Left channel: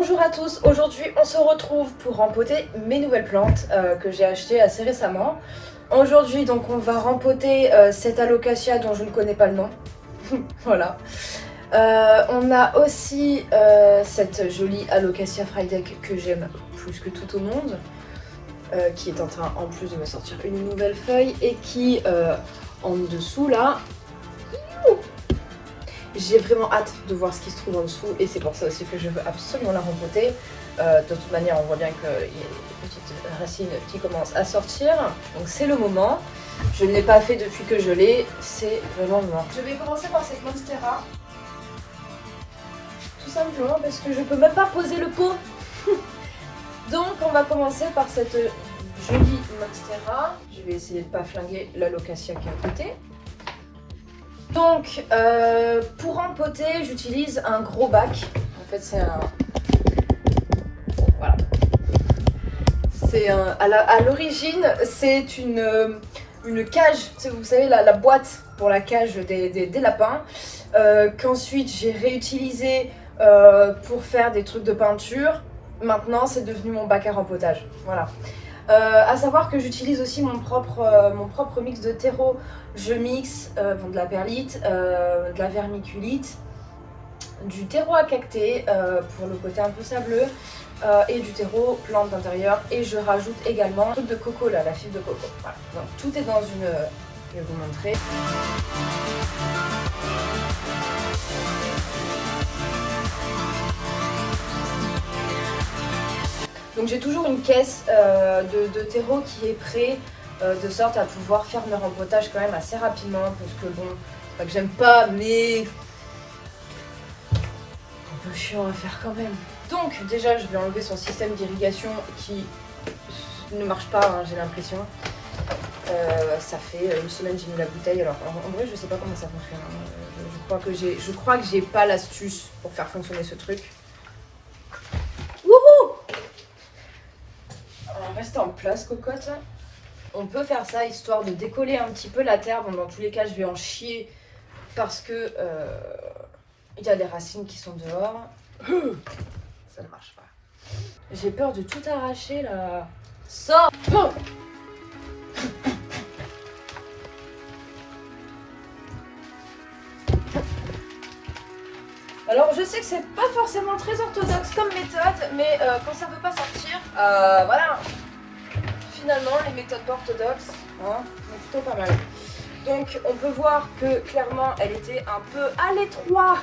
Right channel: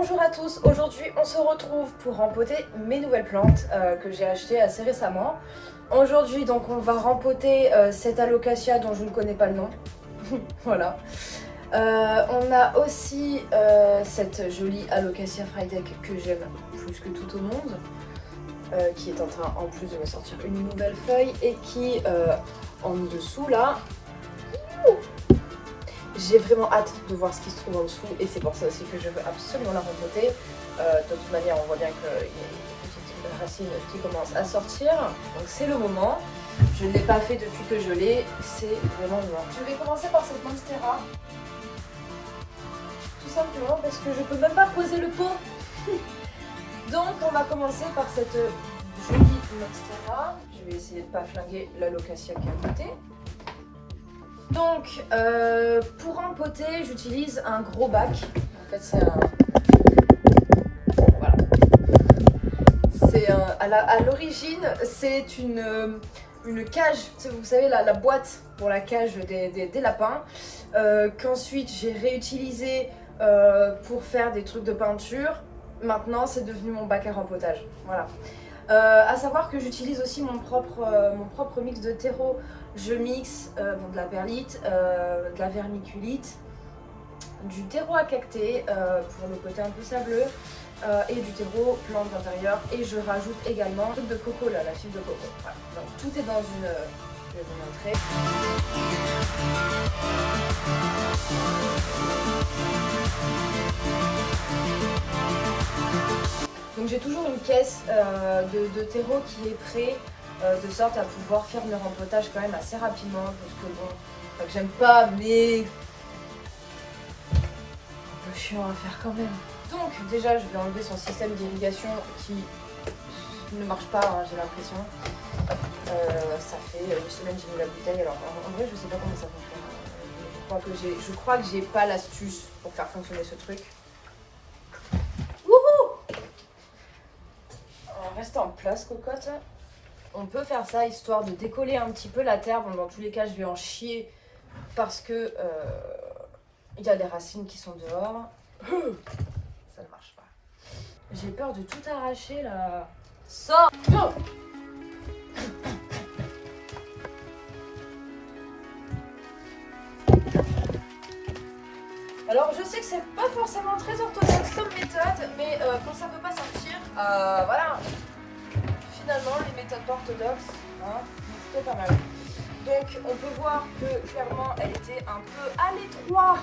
Bonjour à tous, aujourd'hui on se retrouve pour rempoter mes nouvelles plantes que j'ai achetées assez récemment. Aujourd'hui donc on va rempoter cette alocasia dont je ne connais pas le nom. Voilà. On a aussi cette jolie alocasia Frydek que j'aime plus que tout au monde. Qui est en train en plus de me sortir une nouvelle feuille et qui en dessous là, j'ai vraiment hâte de voir ce qui se trouve en dessous et c'est pour ça aussi que je veux absolument la rempoter. De toute manière on voit bien qu'il y a des petites racines qui commencent à sortir, donc c'est le moment. Je ne l'ai pas fait depuis que je l'ai, c'est vraiment le moment. Je vais commencer par cette monstera. Tout simplement parce que je peux même pas poser le pot. Donc on va commencer par cette jolie monstera. Je vais essayer de ne pas flinguer l'alocasia qui est à côté. Donc pour rempoter j'utilise un gros bac. En fait c'est un... Voilà. C'est un... À l'origine c'est une cage, vous savez la boîte pour la cage des lapins. Qu'ensuite j'ai réutilisé pour faire des trucs de peinture. Maintenant c'est devenu mon bac à rempotage, voilà. À savoir que j'utilise aussi mon propre mix de terreau. Je mixe de la perlite, de la vermiculite, du terreau à cacté pour le côté un peu sableux et du terreau plante d'intérieur. Et je rajoute également un truc de coco là, la fibre de coco. Voilà. Donc tout est dans une... je vais vous montrer. Donc j'ai toujours une caisse de terreau qui est prêt, de sorte à pouvoir faire mes rempotages quand même assez rapidement, parce que bon, pas que j'aime pas, mais un peu chiant à faire quand même. Donc déjà je vais enlever son système d'irrigation qui ne marche pas, hein, j'ai l'impression. Ça fait une semaine que j'ai mis la bouteille, alors en vrai je sais pas comment ça fonctionne. Je crois que j'ai pas l'astuce pour faire fonctionner ce truc. Wouhou! Reste en place, cocotte. On peut faire ça histoire de décoller un petit peu la terre. Bon, dans tous les cas, je vais en chier parce que il y a des racines qui sont dehors. Ça ne marche pas. J'ai peur de tout arracher là. Sors! Alors je sais que c'est pas forcément très orthodoxe comme méthode, mais quand ça veut pas sortir, voilà. Finalement les méthodes pas orthodoxes, hein, sont plutôt pas mal. Donc on peut voir que clairement elle était un peu à l'étroit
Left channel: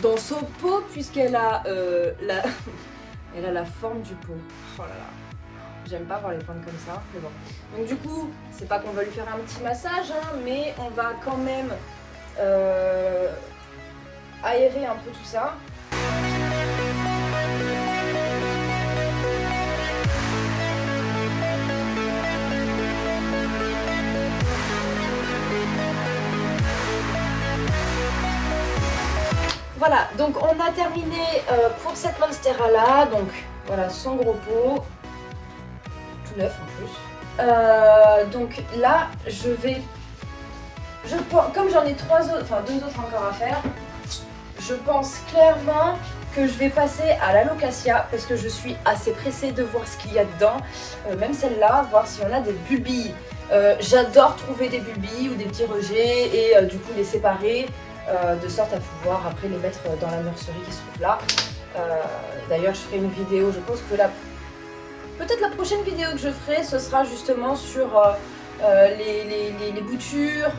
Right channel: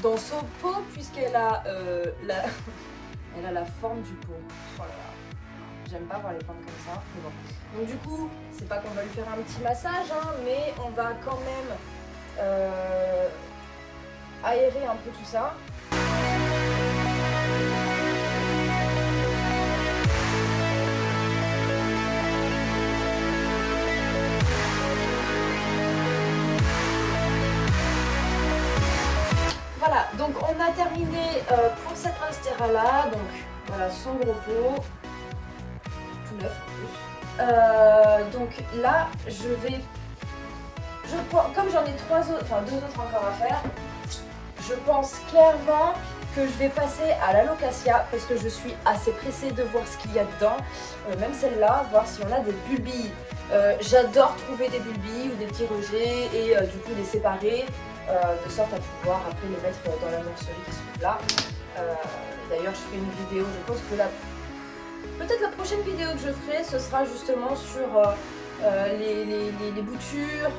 dans son pot puisqu'elle a elle a la forme du pot. Oh là là, j'aime pas voir les plantes comme ça, mais bon. Donc du coup, c'est pas qu'on va lui faire un petit massage, hein, mais on va quand même aérer un peu tout ça. Voilà, donc on a terminé pour cette monstera là, donc voilà son gros pot, tout neuf en plus. Donc là comme j'en ai deux autres encore à faire, je pense clairement que je vais passer à l'alocasia parce que je suis assez pressée de voir ce qu'il y a dedans, même celle-là, voir s'il y en a des bulbilles. J'adore trouver des bulbilles ou des petits rejets et du coup les séparer de sorte à pouvoir après les mettre dans la nurserie qui se trouve là. D'ailleurs je ferai une vidéo, je pense que peut-être la prochaine vidéo que je ferai ce sera justement sur les boutures,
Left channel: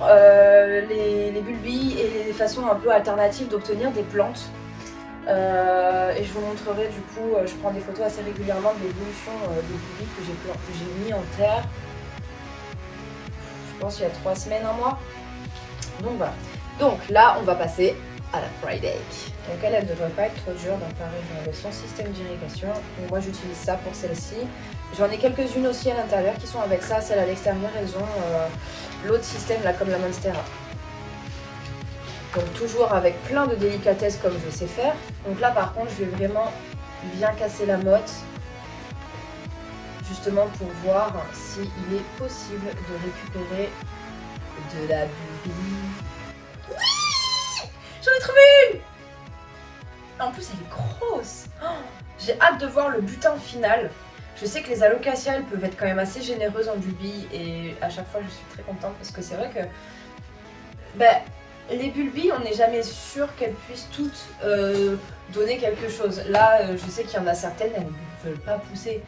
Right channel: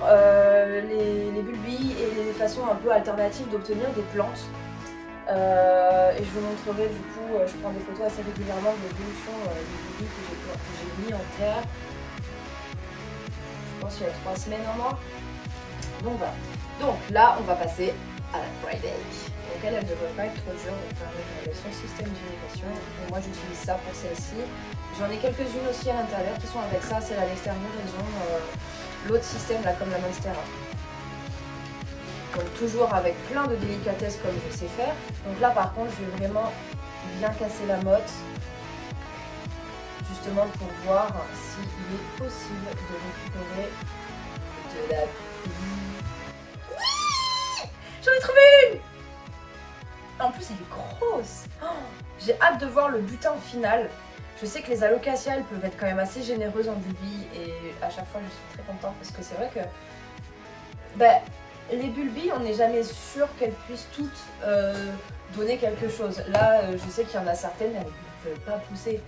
les bulbilles et les façons un peu alternatives d'obtenir des plantes. Et je vous montrerai du coup, je prends des photos assez régulièrement de l'évolution des bulbilles que j'ai mis en terre. Je pense il y a 3 semaines, un mois. Donc voilà. Donc là on va passer à la Frydek. Donc elle ne devrait pas être trop dure, donc pareil avec son système d'irrigation. Moi j'utilise ça pour celle-ci. J'en ai quelques-unes aussi à l'intérieur qui sont avec ça, celle à l'extérieur, elles ont l'autre système là comme la monstera. Donc toujours avec plein de délicatesse comme je sais faire. Donc là par contre je vais vraiment bien casser la motte. Justement pour voir s'il est possible de récupérer de la bulle. Oui, j'en ai trouvé une! En plus, elle est grosse. Oh, j'ai hâte de voir le butin final. Je sais que les alocasias, elles peuvent être quand même assez généreuses en bulbes et à chaque fois, je suis très contente parce que c'est vrai que les bulbes, on n'est jamais sûr qu'elles puissent toutes donner quelque chose. Là, je sais qu'il y en a certaines, elles ne veulent pas pousser.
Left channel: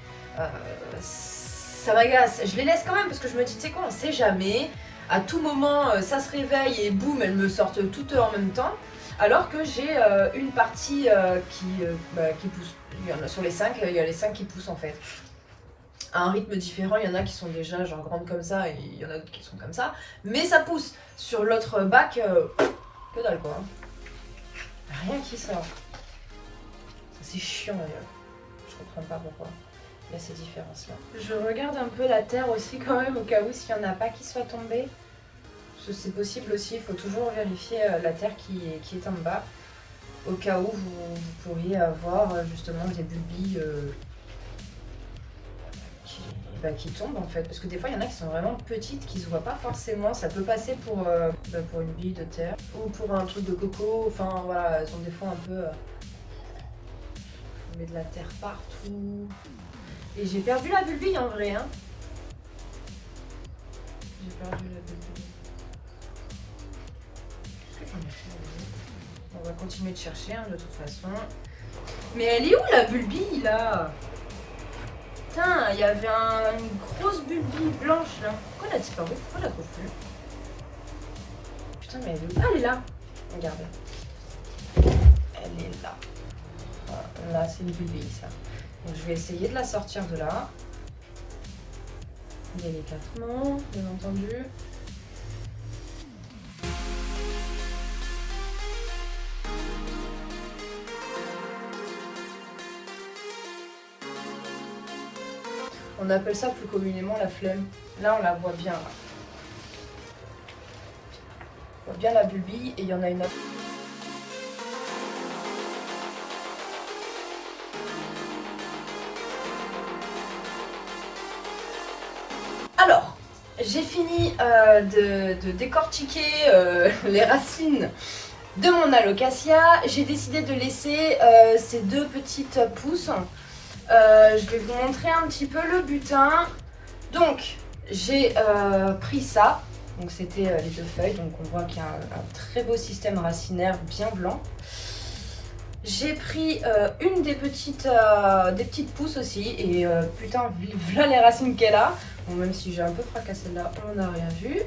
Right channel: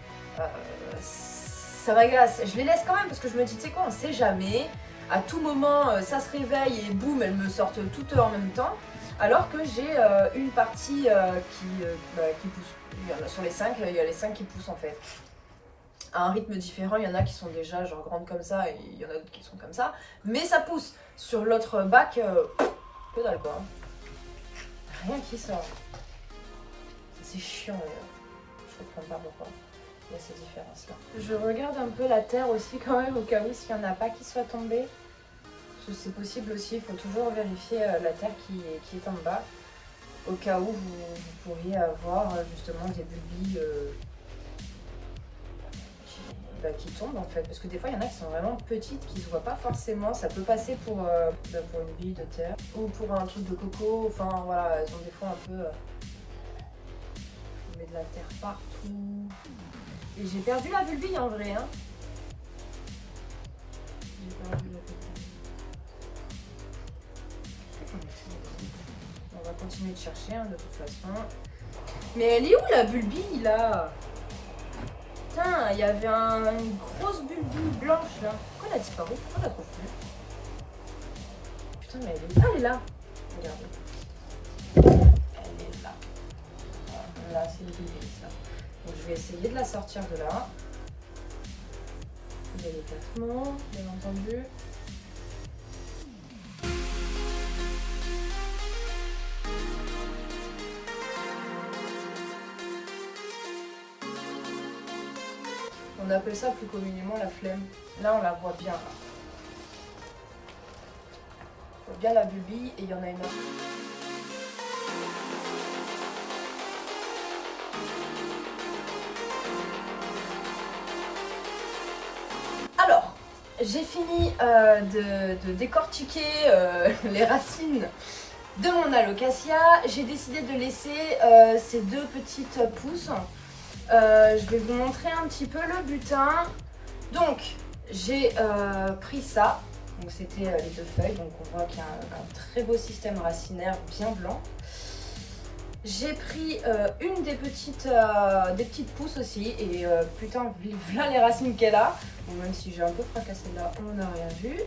Ça m'agace. Je les laisse quand même parce que je me dis, tu sais quoi, on sait jamais. À tout moment, ça se réveille et boum, elles me sortent toutes en même temps. Alors que j'ai une partie qui pousse. Il y en a sur les 5, il y a les 5 qui poussent en fait. À un rythme différent, il y en a qui sont déjà genre grandes comme ça et il y en a d'autres qui sont comme ça. Mais ça pousse. Sur l'autre bac, que dalle quoi. Rien qui sort. C'est chiant d'ailleurs. Je comprends pas pourquoi il y a ces différences là. Je regarde un peu la terre aussi quand même au cas où s'il n'y en a pas qui soit tombé. C'est possible aussi, il faut toujours vérifier la terre qui est en bas. Au cas où vous pourriez avoir justement des bulbilles qui tombent en fait. Parce que des fois il y en a qui sont vraiment petites, qui se voient pas forcément. Ça peut passer pour une bille de terre ou pour un truc de coco. Enfin voilà, elles ont des fois un peu... on met de la terre partout. Et j'ai perdu la bulbille en vrai. Hein. J'ai perdu la bulbille. On va continuer de chercher hein, de toute façon. Mais elle est où la bulbille là? Putain, il y avait une grosse bulbille blanche là. Pourquoi elle a disparu? Pourquoi je la trouve plus? Putain, mais elle est où? Ah, elle est là. Regardez. Elle est là. Voilà, là, c'est une bulbille ça. Donc je vais essayer de la sortir de là. Délicatement, bien entendu. On appelle ça plus communément la flemme. Là, on la voit bien. Là. On voit bien la bulbille et il y en a une autre. Alors, j'ai fini de décortiquer les racines de mon alocasia. J'ai décidé de laisser ces deux petites pousses. Je vais vous montrer un petit peu le butin. Donc, j'ai pris ça. Donc, c'était les deux feuilles. Donc, on voit qu'il y a un très beau système racinaire bien blanc. J'ai pris une des petites pousses aussi. Et putain, voilà les racines qu'elle a. Bon, même si j'ai un peu fracassé là, on n'a rien vu.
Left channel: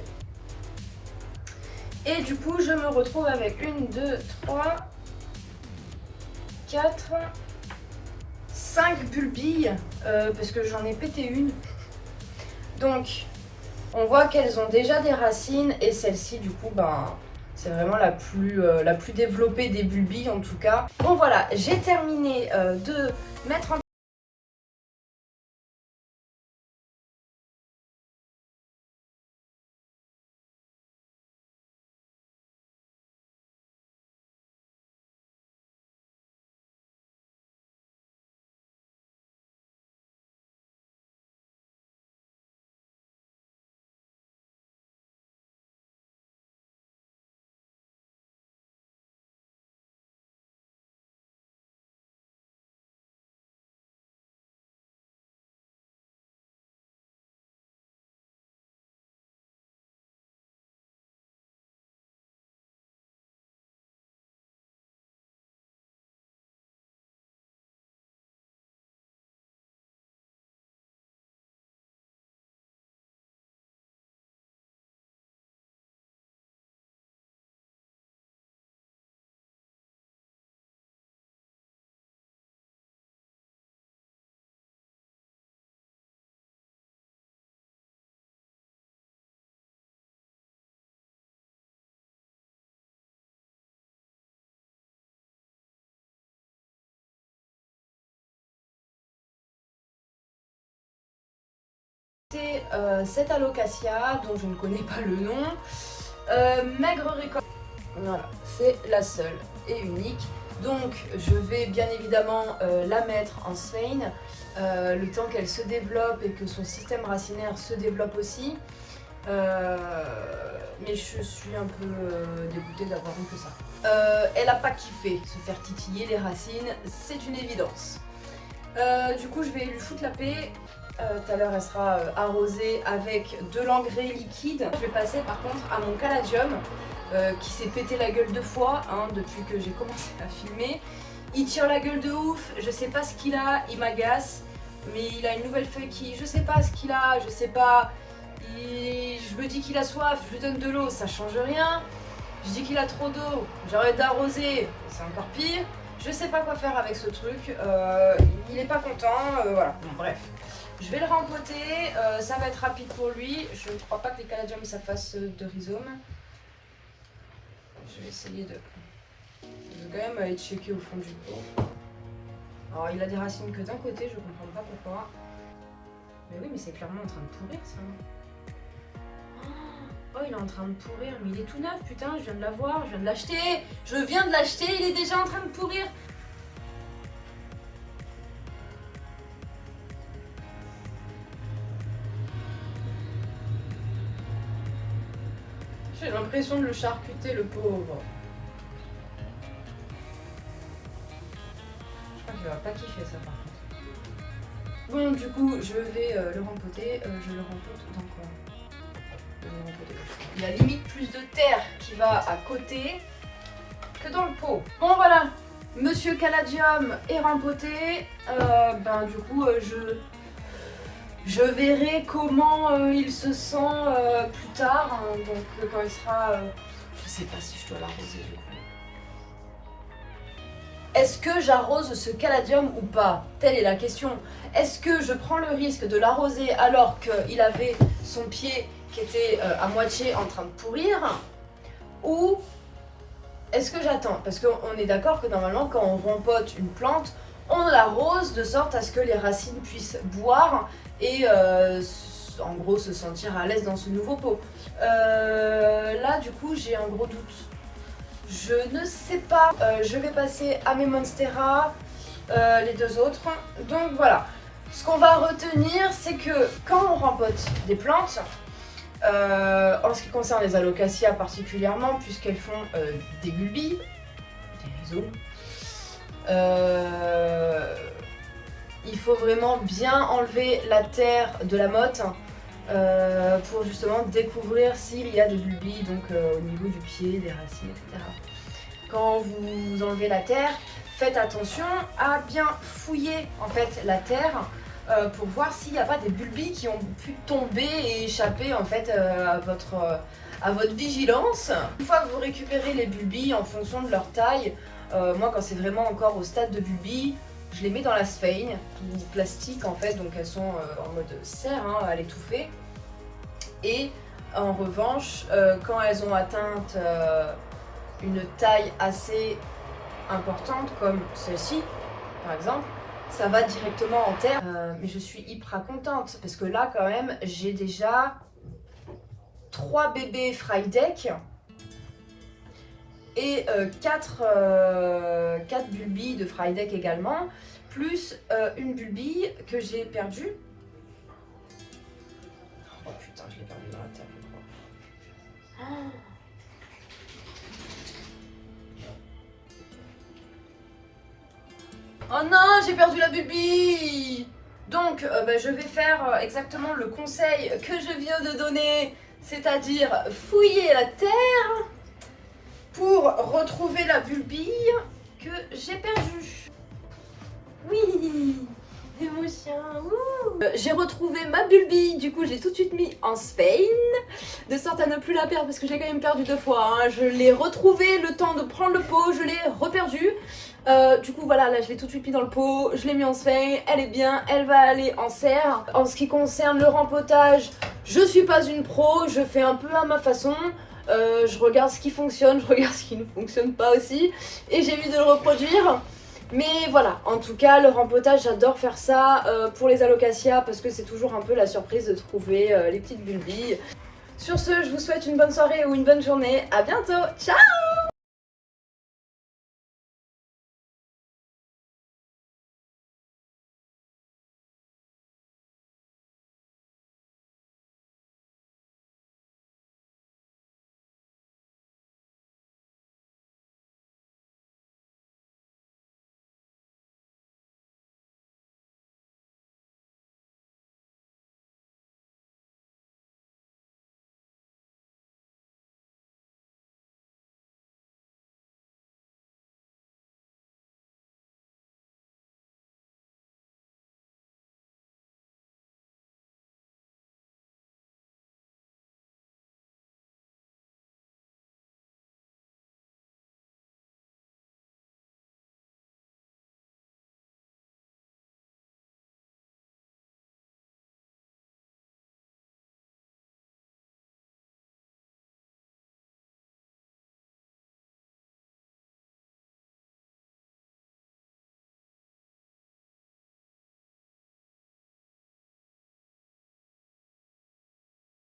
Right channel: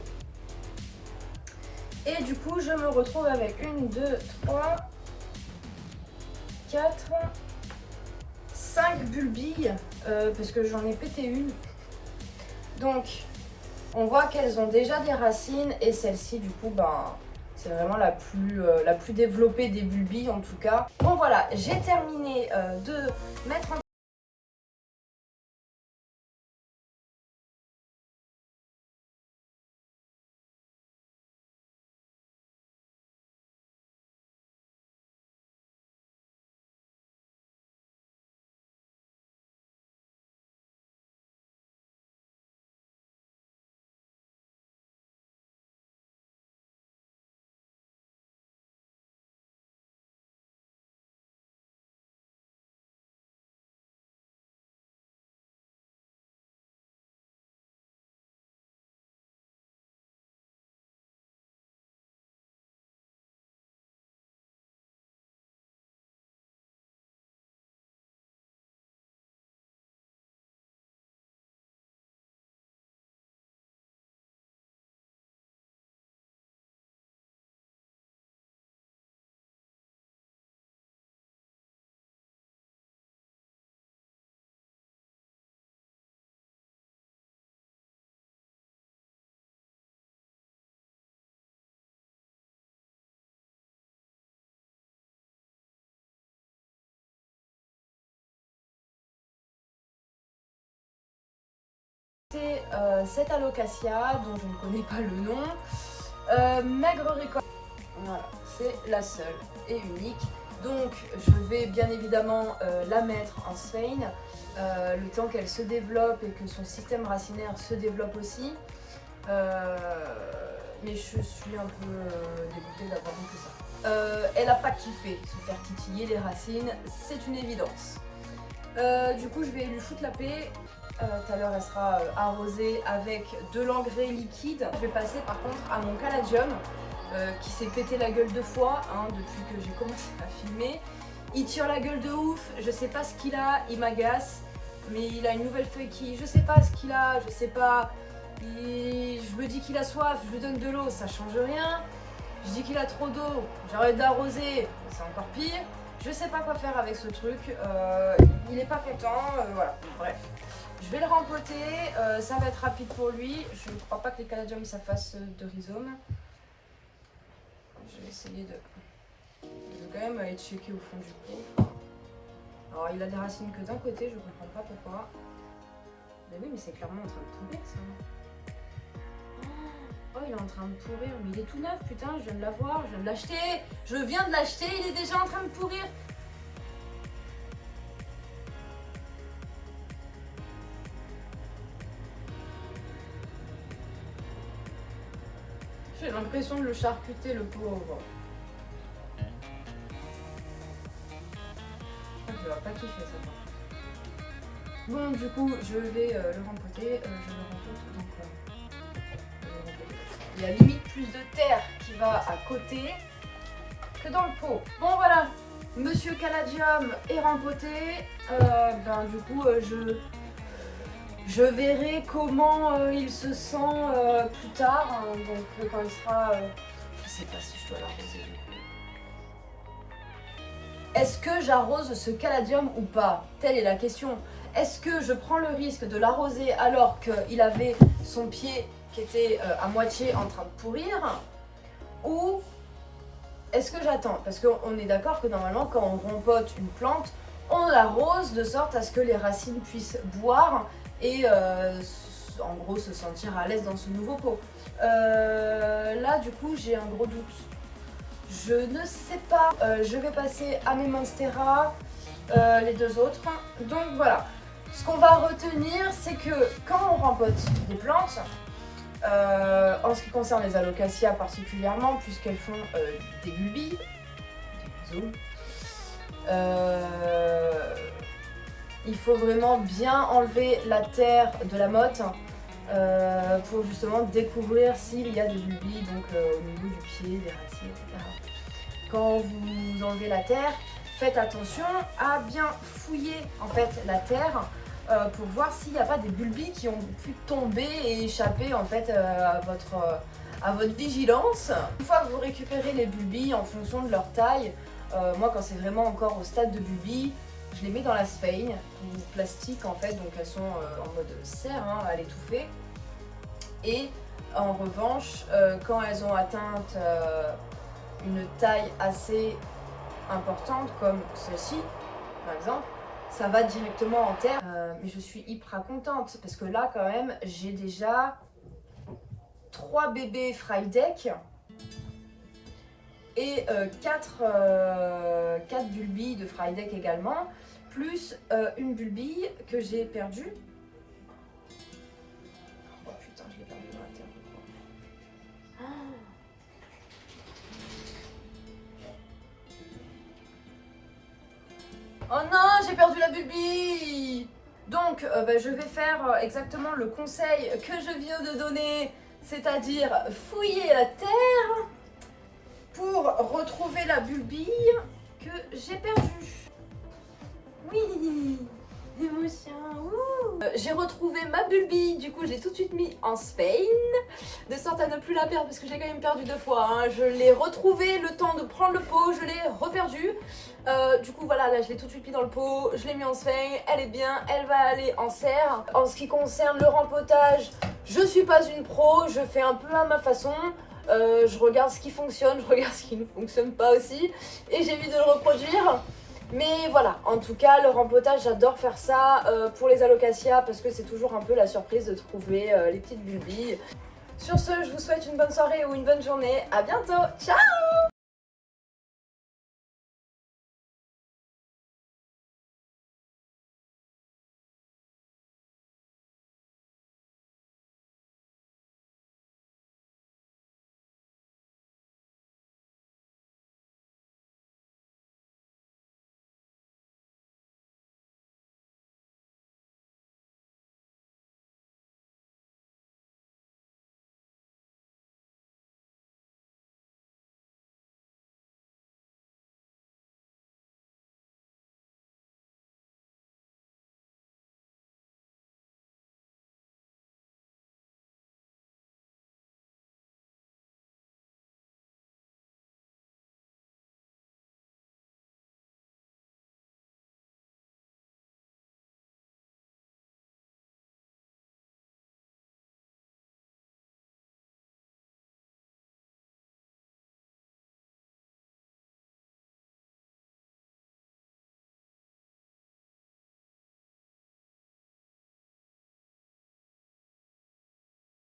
Et du coup, je me retrouve avec 1, 2, 3, 4, 5 bulbilles. Parce que j'en ai pété une. Donc, on voit qu'elles ont déjà des racines. Et celle-ci, du coup, ben... c'est vraiment la plus développée des bulbilles en tout cas. Bon voilà, j'ai terminé de mettre en cette alocasia dont je ne connais pas le nom. Maigre récolte. Voilà, c'est la seule et unique. Donc je vais bien évidemment la mettre en Svein le temps qu'elle se développe et que son système racinaire se développe aussi. mais je suis un peu dégoûtée d'avoir vu que ça. Elle a pas kiffé se faire titiller les racines, c'est une évidence. Du coup je vais lui foutre la paix. Tout à l'heure elle sera arrosée avec de l'engrais liquide. Je vais passer par contre à mon caladium qui s'est pété la gueule 2 fois depuis que j'ai commencé à filmer. Il tire la gueule de ouf, je sais pas ce qu'il a, il m'agace. Mais il a une nouvelle feuille qui... Je sais pas ce qu'il a, je sais pas. Je me dis qu'il a soif, je lui donne de l'eau, ça change rien. Je dis qu'il a trop d'eau, j'arrête d'arroser, c'est encore pire. Je sais pas quoi faire avec ce truc, il est pas content, voilà. Bref, je vais le rempoter, ça va être rapide pour lui. Je crois pas que les caladiums ça fasse de rhizome. Je vais essayer de quand même aller checker au fond du pot. Alors il a des racines que d'un côté, je comprends pas pourquoi. Mais oui, mais c'est clairement en train de pourrir ça. Oh, il est en train de pourrir, mais il est tout neuf, putain, je viens de l'avoir, je viens de l'acheter. Je viens de l'acheter, il est déjà en train de pourrir. J'ai l'impression de le charcuter, le pauvre. Je vais pas kiffer ça. Bon, du coup, je vais le rempoter. Je le rempote dans quoi? Il y a limite plus de terre qui va à côté que dans le pot. Bon, voilà. Monsieur Caladium est rempoté. Du coup, je verrai comment il se sent plus tard. Donc, quand il sera... je sais pas si je dois l'arroser du coup. Est-ce que j'arrose ce caladium ou pas? Telle est la question. Est-ce que je prends le risque de l'arroser alors qu'il avait son pied qui était à moitié en train de pourrir? Ou est-ce que j'attends? Parce qu'on est d'accord que normalement quand on rempote une plante, on l'arrose de sorte à ce que les racines puissent boire et en gros se sentir à l'aise dans ce nouveau pot. Là du coup j'ai un gros doute. Je ne sais pas, je vais passer à mes Monstera, les deux autres. Donc voilà, ce qu'on va retenir, c'est que quand on rempote des plantes, en ce qui concerne les Alocasia particulièrement, puisqu'elles font des bulbilles, des rhizomes, il faut vraiment bien enlever la terre de la motte pour justement découvrir s'il y a des bulbilles donc, au niveau du pied, des racines, etc. Quand vous enlevez la terre, faites attention à bien fouiller en fait la terre pour voir s'il n'y a pas des bulbilles qui ont pu tomber et échapper en fait à votre vigilance. Une fois que vous récupérez les bulbilles en fonction de leur taille, moi quand c'est vraiment encore au stade de bulbilles, je les mets dans la sphaigne ou plastique en fait, donc elles sont en mode serre à l'étouffer. Et en revanche, quand elles ont atteint une taille assez importante comme celle-ci par exemple, ça va directement en terre. Mais je suis hyper contente parce que là quand même j'ai déjà 3 bébés Frydek et 4 bulbilles de Frydek également, plus une bulbille que j'ai perdue. Oh putain, je l'ai perdue dans la terre, je crois. Oh non, j'ai perdu la bulbille. Donc, je vais faire exactement le conseil que je viens de donner, c'est-à-dire fouiller la terre pour retrouver la bulbille que j'ai perdue. Oui, émotion. J'ai retrouvé ma bulbille, du coup j'ai tout de suite mis en sphaigne, de sorte à ne plus la perdre parce que j'ai quand même perdu 2 fois. Je l'ai retrouvée le temps de prendre le pot, je l'ai reperdue. Du coup voilà, là je l'ai tout de suite mis dans le pot, je l'ai mis en sphaigne, elle est bien, elle va aller en serre. En ce qui concerne le rempotage, je suis pas une pro, je fais un peu à ma façon. Je regarde ce qui fonctionne, je regarde ce qui ne fonctionne pas aussi et j'évite de le reproduire. Mais voilà, en tout cas le rempotage j'adore faire ça pour les Alocasia parce que c'est toujours un peu la surprise de trouver les petites bulbilles. Sur ce, je vous souhaite une bonne soirée ou une bonne journée, à bientôt, ciao!